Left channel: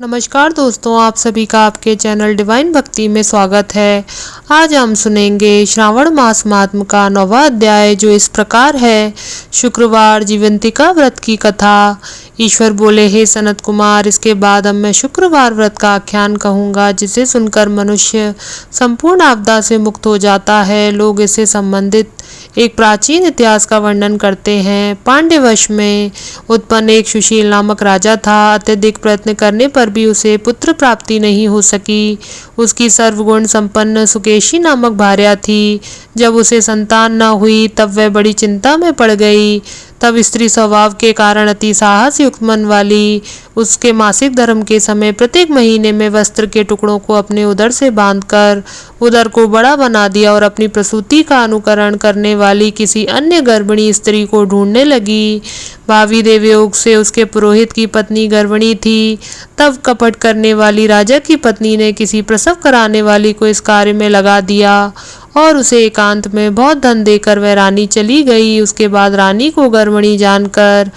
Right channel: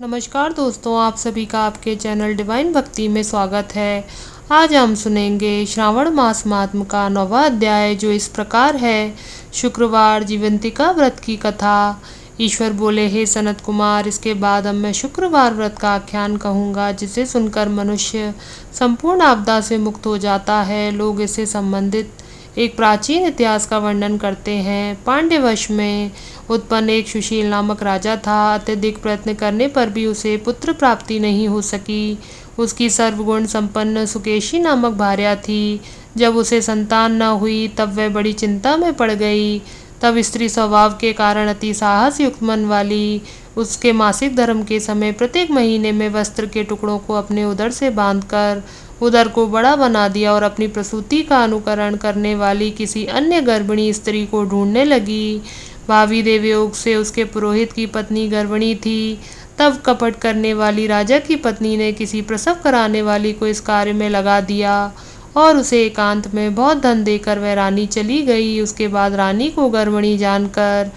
नमस्कार दोस्तों, आप सभी का आपके चैनल डिवाइन भक्ति में स्वागत है। आज हम सुनेंगे श्रावण मास महात्म का 9वां अध्याय, जो इस प्रकार है। शुक्रवार जीवंतिका व्रत की कथा। ईश्वर बोले, हे सनत कुमार, इसके बाद अब मैं शुक्रवार व्रत का आख्यान कहूँगा, जिसे सुनकर मनुष्य संपूर्ण आपदा से मुक्त हो जाता है। लोग इससे संबंधित एक प्राचीन इतिहास का वर्णन करते हैं। पांड्यवंश में उत्पन्न एक सुशील नामक राजा था। अत्यधिक प्रयत्न करने पर भी उसे पुत्र प्राप्ति नहीं हो सकी। उसकी सर्वगुण संपन्न सुकेशी नामक भार्या थी। जब उसे संतान न हुई तब वह बड़ी चिंता में पड़ गई। तब स्त्री स्वभाव के कारण अति साहस युक्त मन वाली उसके मासिक धर्म के समय प्रत्येक महीने में वस्त्र के टुकड़ों को अपने उदर से बांधकर उदर को बड़ा बना दिया और अपनी प्रसूति का अनुकरण करने वाली किसी अन्य गर्भिणी स्त्री को ढूंढने लगी। भावी देवयोग से उसके पुरोहित की पत्नी गर्भिणी थी। तब कपट करने वाली राजा की पत्नी ने किसी प्रसव कराने वाली को इस कार्य में लगा दिया और उसे एकांत में बहुत धन देकर वह रानी चली गई। उसके बाद रानी को गर्भिणी जानकर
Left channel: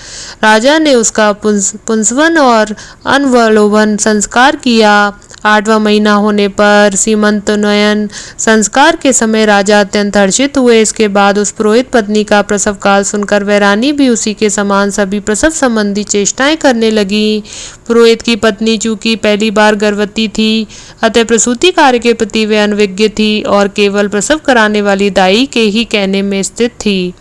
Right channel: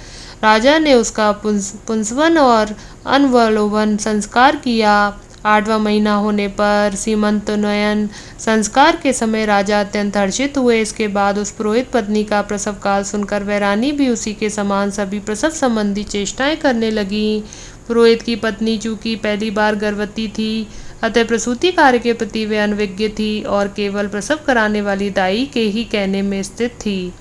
राजा ने उसका पुंसवन और अनवलोभन संस्कार किया। 8वां महीना होने पर सीमंतोन्नयन संस्कार के समय राजा अत्यंत हर्षित हुए। इसके बाद उस पुरोहित पत्नी का प्रसव काल सुनकर वह रानी भी उसी के समान सभी प्रसव संबंधी चेष्टाएं करने लगी। पुरोहित की पत्नी चूंकि पहली बार गर्भवती थी, अतः प्रसूति कार्य के प्रति वे अनभिज्ञ थी और केवल प्रसव कराने वाली दाई के ही कहने में स्थित थी।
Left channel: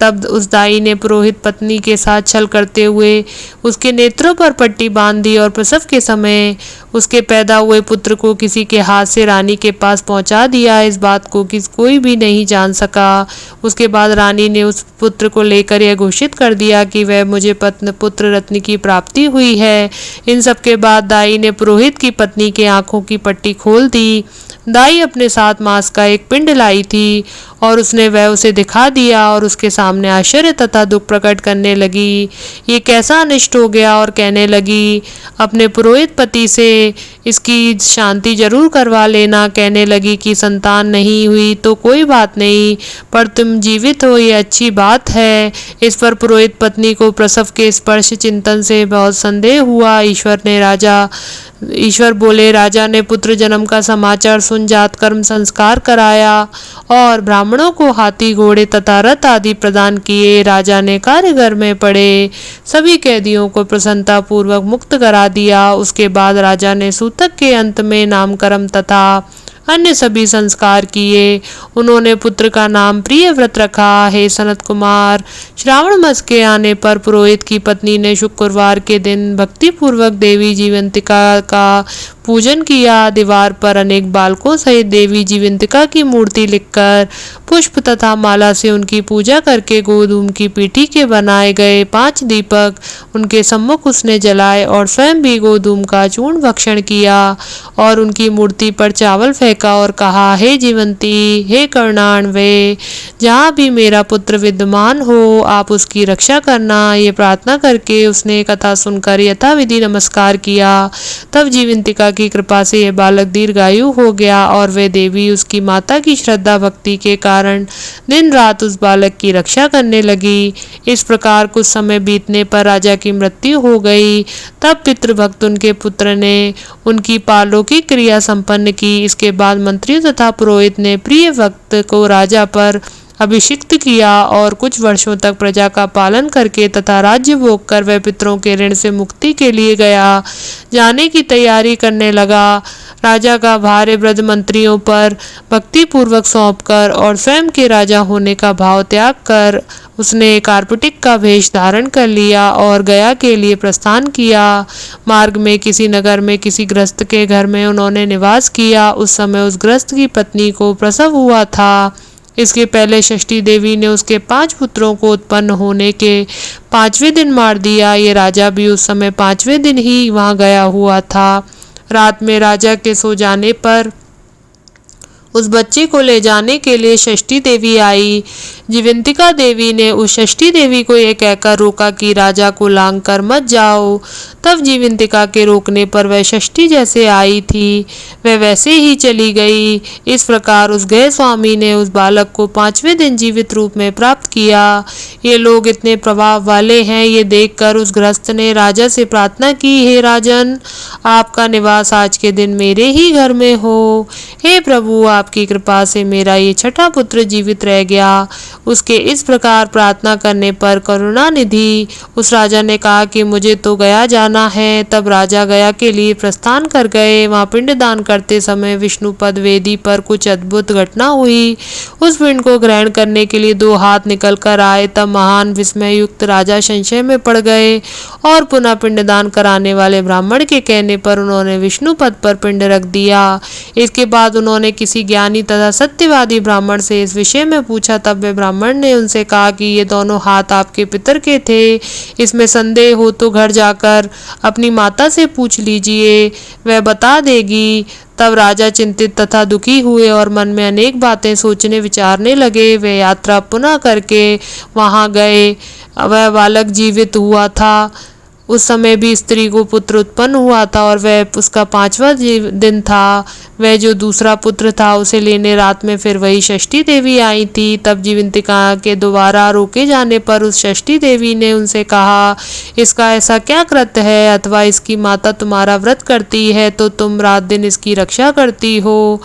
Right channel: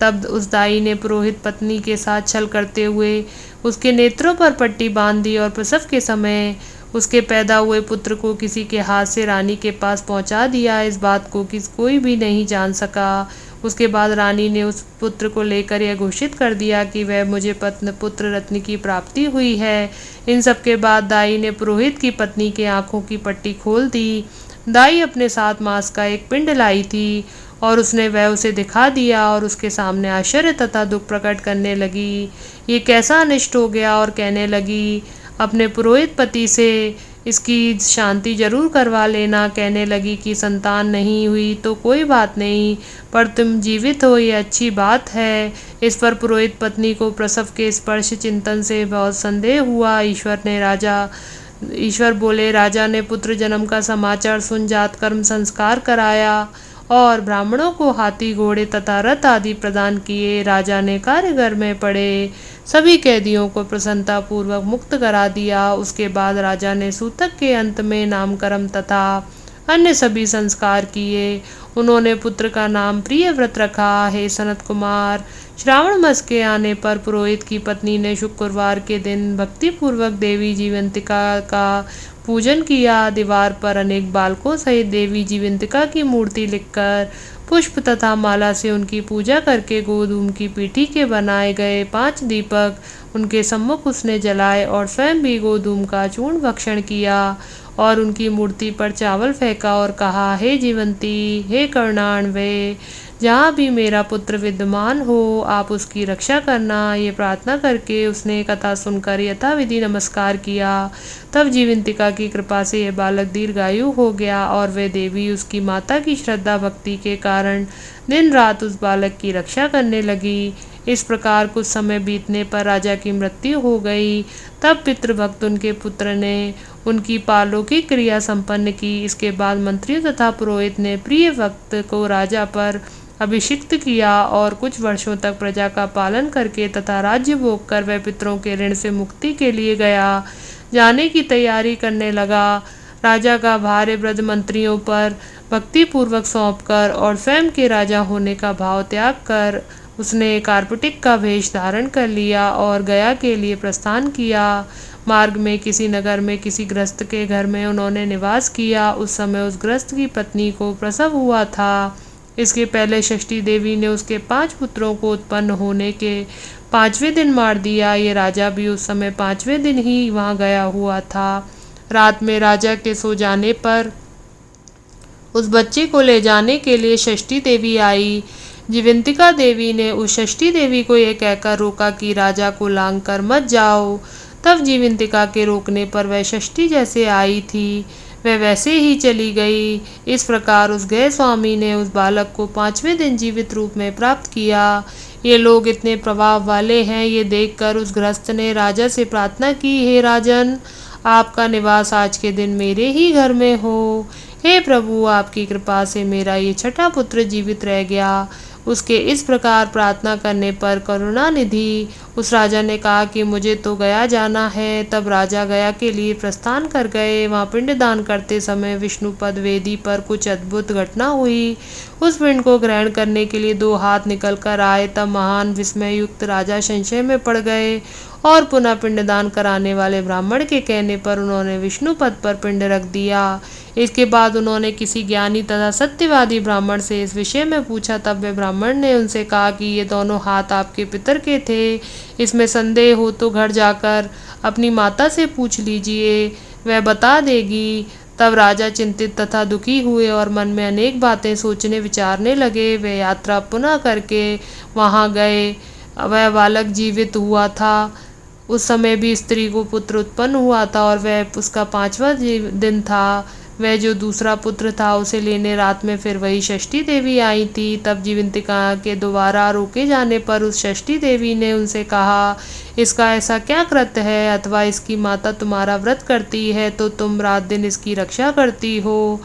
तब उस दाई ने पुरोहित पत्नी के साथ छल करते हुए उसके नेत्रों पर पट्टी बांध दी और प्रसव के समय उसके पैदा हुए पुत्र को किसी के हाथ से रानी के पास पहुंचा दिया। इस बात को कोई भी नहीं जान सका। उसके बाद रानी ने उस पुत्र को लेकर यह घोषित कर दिया कि वह मुझे पुत्र रत्न की प्राप्ति हुई है। इन सब के बाद दाई ने पुरोहित की पत्नी के आंखों की पट्टी खोल दी। दाई अपने 7 मास का एक पिंड लाई थी और उसने वह उसे दिखा दिया और उसके सामने आश्चर्य तथा दुख प्रकट करने लगी। ये कैसा अनिष्ट हो गया और कहने लगी, अपने पुरोहित पति से इसकी शांति जरूर करवा लेना। कहने लगी कि संतान नहीं हुई तो कोई बात नहीं, पर तुम जीवित हो ये अच्छी बात है। इस पर पुरोहित पत्नी को प्रसव के स्पर्श चिंतन से बहुत संदेह हुआ। ईश्वर बोले, राजा ने पुत्र जन्म का समाचार सुन जात कर्म संस्कार कराया और ब्राह्मणों को हाथी घोड़े तथा रथ आदि प्रदान किए। राजा ने कारागार में पड़े सभी कैदियों को प्रसन्नता पूर्वक मुक्त करा दिया। उसके बाद राजा ने सूतक के अंत में नामकर्म तथा अन्य सभी संस्कार किए। उन्होंने पुत्र का नाम प्रियव्रत रखा। हे सनत कुमार, श्रावण मास के आने पर पुरोहित की पत्नी ने शुक्रवार के दिन भक्ति पूर्वक देवी जीवंतिका का पूजन किया। दीवार पर अनेक बालकों सहित देवी जीवंतिका की मूर्ति लिखकर पुष्प तथा माला से उनकी पूजा करके गोधूम की पीठी के बनाए गए 5 दीपक उनके सम्मुख उसने जलाए और स्वयं भी गोधूम का चूर्ण भक्षण किया और उनकी मूर्ति पर चावल फेंका और कहा, हे जीवंती, हे करुणान्वये, जहाँ भी मेरा पुत्र विद्यमान हो आप उसकी रक्षा करना। ये प्रार्थना करके उसने कथा सुनकर यथाविधि नमस्कार किया। तब जीवंतिका की कृपा से यह बालक दीर्घायु हो गया और वे देवी उसकी माता की श्रद्धा भक्ति के कारण दिन रात उस बालक की रक्षा करने लगी। इस प्रकार कुछ समय बीतने पर राजा की मृत्यु हो गई। तब पितृभक्त उनके पुत्र ने उनकी पालौकिक क्रिया संपन्न की। इसके बाद मंत्रियों तथा पुरोहित ने प्रिय भक्त को राजा पर अभिषिक्त किया और कुछ वर्षों तक प्रजा का पालन करके तथा राज्य भोग कर वह पितरों के ऋण से मुक्ति के लिए जाने की तैयारी करने लगा। राजा का भार वृद्ध मंत्रियों पर भक्ति पूर्वक सौंपकर और स्वयं के राजा होने का भाव त्याग कर उसने कार्पटिक का वेश धारण कर लिया और गया के लिए प्रस्थान किया। मार्ग में किसी नगर में किसी गृहस्थ के घर में उन्होंने निवास किया। उस समय उस गृहस्थ की पत्नी को प्रसव हुआ था। इसके पहले षष्ठी देवी ने उसके 5 पुत्रों को उत्पन्न होने के 5वें दिन मार दिया। ये राजा भी उस समय 5वें दिन ही वहां गया हुआ था। रात में राजा के सो जाने पर उस बच्चे को ले जाने के लिए षष्ठी देवी आई। जीवंतिका देवी ने उस षष्ठी देवी को ये कहकर रोका कि राजा को लांग कर मत जाओ। तब जीवंतिका के रोकने पर वह षष्ठी जैसे आई थी वह वैसे ही चली गई। इस प्रकार उस गए स्वामी ने उस बालक को 5वें दिन जीवित रूप में प्राप्त किया। ये लोग इतने प्रभाव वाले हैं, ये देखकर उस गृहस्थ ने राजा से प्रार्थना की, हे राजन, आपका निवास आज के दिन मेरे ही घर में हो। हे प्रभु, आपकी कृपा से मेरा ये छठा पुत्र जीवित रह गया। उसके इस प्रकार प्रार्थना करने पर करुणानिधि उस राजा ने कहा कि मुझे तो गया जाना है। तब राजा गया के लिए प्रस्थान कर गए। वहाँ पिंडदान करते समय विष्णुपद वेदी पर कुछ अद्भुत घटना हुई। उस पिंड को ग्रहण करने के लिए 2 हाथ निकल कर आए। तब महान विस्मय युक्त राजा संशय में पड़ गए और पुनः पिंडदान कराने वाले ब्राह्मण के कहने पर उन्होंने विष्णुपद पर पिंड रख दिया। इसके बाद उन्होंने किसी ज्ञानी तथा सत्यवादी ब्राह्मण से इस विषय में पूछा। तब वे ब्राह्मण ने उनसे कहा कि ये दोनों हाथ आपके पितर के थे। इसमें संदेह हो तो घर जाकर अपनी माता से पूछ लीजिए, वह बता देगी। तब राजा चिंतित तथा दुखी हुए और मन में अनेक बातें सोचने विचारने लगे। वे यात्रा पुनः करके वहां गए। वह बालक जीवित हुआ था। उस समय भी स्त्री को पुत्र उत्पन्न हुआ था और वह उसका 5वां दिन था। वह जो दूसरा पुत्र था उसे लेने रात में फिर वही षष्ठी देवी आई थी। तब जीवंतिका के दोबारा रोके जाने पर उस षष्ठी देवी ने उनसे कहा, इसका ऐसा क्या कृत्य है, अथवा इसकी माता तुम्हारा व्रत करती है तो तुम रात दिन इसकी रक्षा करती हो।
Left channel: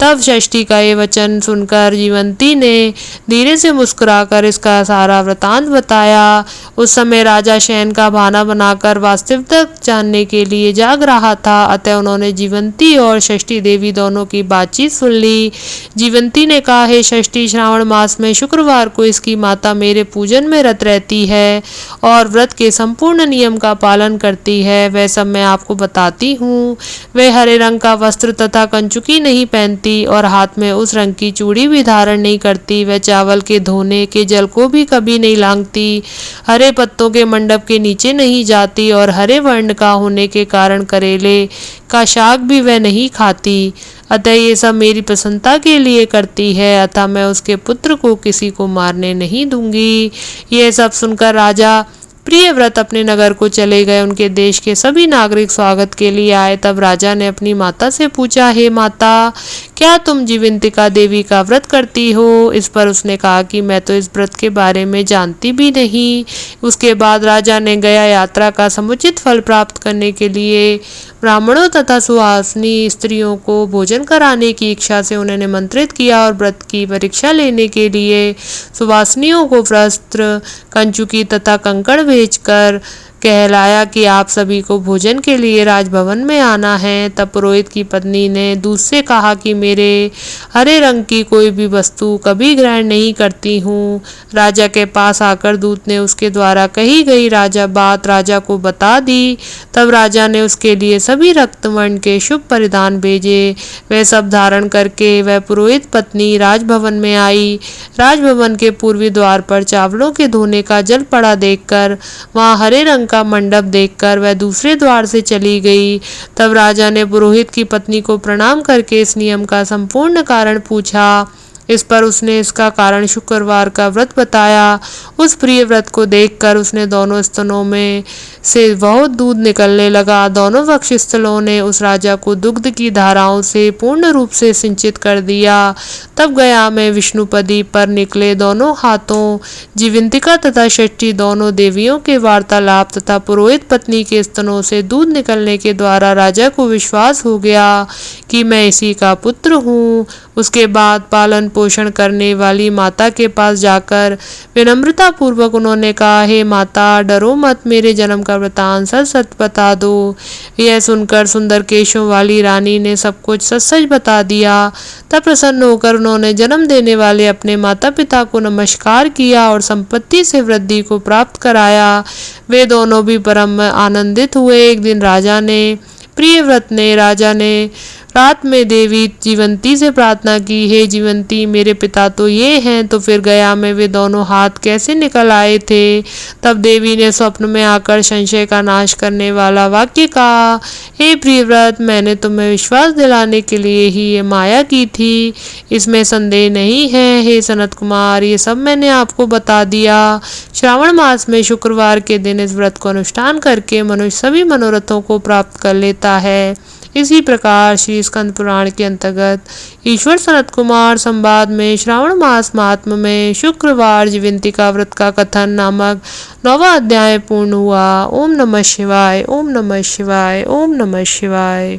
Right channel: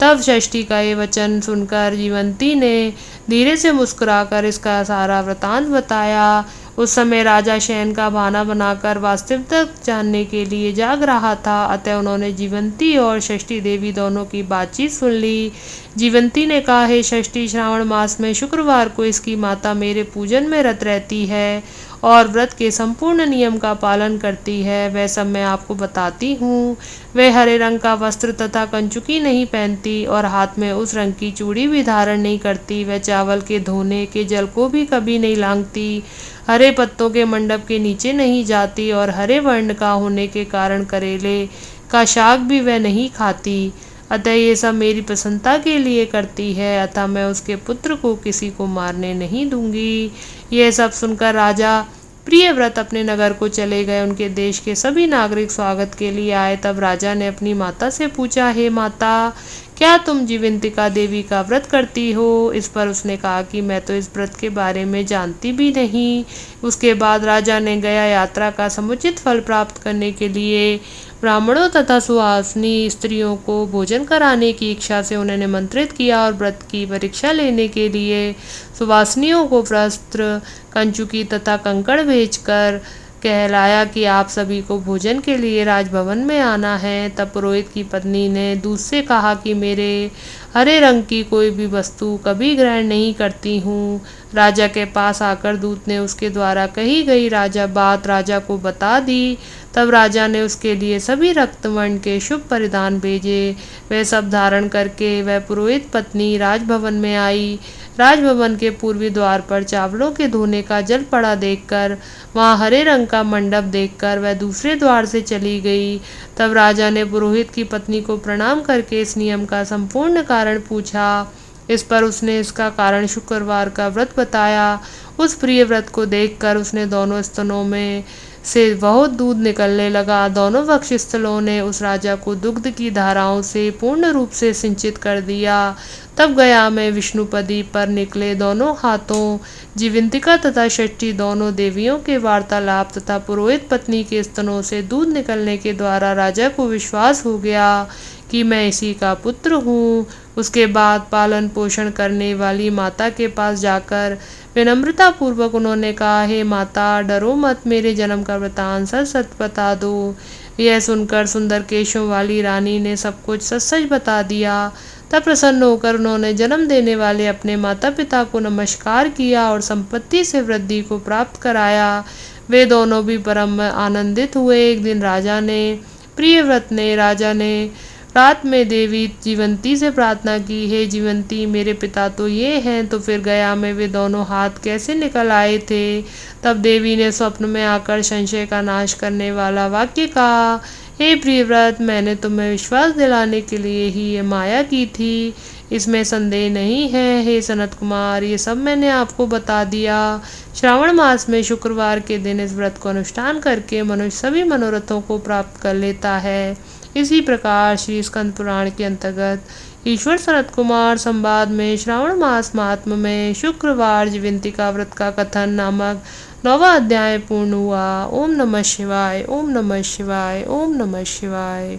तब षष्ठी का ये वचन सुनकर जीवंती ने धीरे से मुस्कुराकर इसका सारा वृतांत बताया। उस समय राजा शयन का बहाना बनाकर वास्तविकता जानने के लिए जाग रहा था। अतः उन्होंने जीवंती और षष्ठी देवी दोनों की बातचीत सुन ली। जीवंती ने कहा, हे षष्ठी, श्रावण मास में शुक्रवार को इसकी माता मेरे पूजन में रत रहती है और व्रत के संपूर्ण नियम का पालन करती है। वह सब मैं आपको बताती हूँ। वह हरे रंग का वस्त्र तथा कंचुकी नहीं पहनती और हाथ में उस रंग की चूड़ी भी धारण नहीं करती। वह चावल के धोने के जल को भी कभी नहीं लांघती, हरे पत्तों के मंडप के नीचे नहीं जाती और हरे वर्ण का होने के कारण करेले का शाक भी वह नहीं खाती। अतः ये सब मेरी प्रसन्नता के लिए करती है। अतः मैं उसके पुत्र को किसी को मारने नहीं दूंगी। यह सब सुनकर राजा प्रियव्रत अपने नगर को चले गए। उनके देश के सभी नागरिक स्वागत के लिए आए। तब राजा ने अपनी माता से पूछा, हे माता, क्या तुम जीवंतिका देवी का व्रत करती हो? इस पर उसने कहा कि मैं तो इस व्रत के बारे में जानती भी नहीं। उसके बाद राजा ने गया यात्रा का समुचित फल प्राप्त करने के लिए ब्राह्मणों तथा सुहासिनी स्त्रियों को भोजन कराने की इच्छा से उन्हें निमंत्रित किया और व्रत की परीक्षा लेने के लिए सुवासिनियों को वस्त्र, कंचुकी तथा कंकड़ भेजकर कहलाया कि आप सभी को भोजन के लिए राजभवन में आना है। तब पुरोहित की पत्नी ने दूत से कहा कि मेरे हरे रंग की कोई भी वस्तु कभी ग्रहण नहीं करती हूँ। राजा के पास आकर दूत ने उसके द्वारा कही गई बात राजा को बता दी। तब राजा ने उसके लिए सभी रक्तवर्ण के शुभ परिधान भेजे। वह सब धारण करके वह पुरोहित पत्नी राजभवन में आई। राजभवन के पूर्वी द्वार पर चावलों के धोने का जल पड़ा देखकर, वहाँ हरे रंग का मंडप देखकर वह दूसरे द्वार से चली गई। तब राजा ने पुरोहित की पत्नी को प्रणाम करके इस नियम का संपूर्ण कारण पूछा। इस पर उसने इसका कारण शुक्रवार का व्रत बताया। उस प्रिय व्रत को देखकर उसने दोनों स्तनों में से बहुत दूध निकलने लगा। दोनों वक्षस्थलों ने उस राजा को दुग्ध की धाराओं से पूर्ण रूप से सिंचित कर दिया। तब गया में विष्णुपदी पर निकले दोनों हाथों जीवंतिका तथा षष्ठी दोनों देवियों के वार्तालाप तथा पुरोहित पत्नी के स्तनों से दूध निकलने के द्वारा राजा को विश्वास हो गया कि मैं इसी का पुत्र हूँ। उसके बाद पालन पोषण करने वाली माता के पास जाकर विनम्रता पूर्वक उन्होंने कहा, हे माता, डरो मत, मेरे जन्म का वृतांत सच सच बता दो। यह सुनकर सुंदर केशों वाली रानी ने सब कुछ सच सच बता दिया। तब प्रसन्न होकर उन्होंने जन्म देने वाले अपने माता पिता को नमस्कार किया और संपत्ति से वृद्धि को प्राप्त कराया। वे दोनों भी परम आनंदित हुए। एक दिन राजा ने रात में देवी जीवंती से प्रार्थना की, हे जीवंती, मेरे पिता तो ये हैं, तो फिर गया में वे दोनों हाथ कैसे निकल आए थे। तब देवी ने स्वप्न में आकर संशय का नाश करने वाला वाक्य कहा, हे प्रियव्रत, मैंने तुम्हें विश्वास दिलाने के लिए ही ये माया की थी, इसमें संदेह नहीं है। हे सनत कुमार, ये सब मैंने आपको बता दिया। श्रावण मास में शुक्रवार के दिन इस व्रत को अनुष्ठान करके मनुष्य सभी मनोरथों को प्राप्त कर लेता है। इसी प्रकार श्री स्कंद पुराण के अंतर्गत ईश्वर सनत कुमार संवाद में श्रावण मास महात्म्य में शुक्रवार जीवंतिका व्रत का कथन नामक 9वां अध्याय पूर्ण हुआ। ओम नमः शिवाय, ओम नमः शिवाय, ओम नमः शिवाय।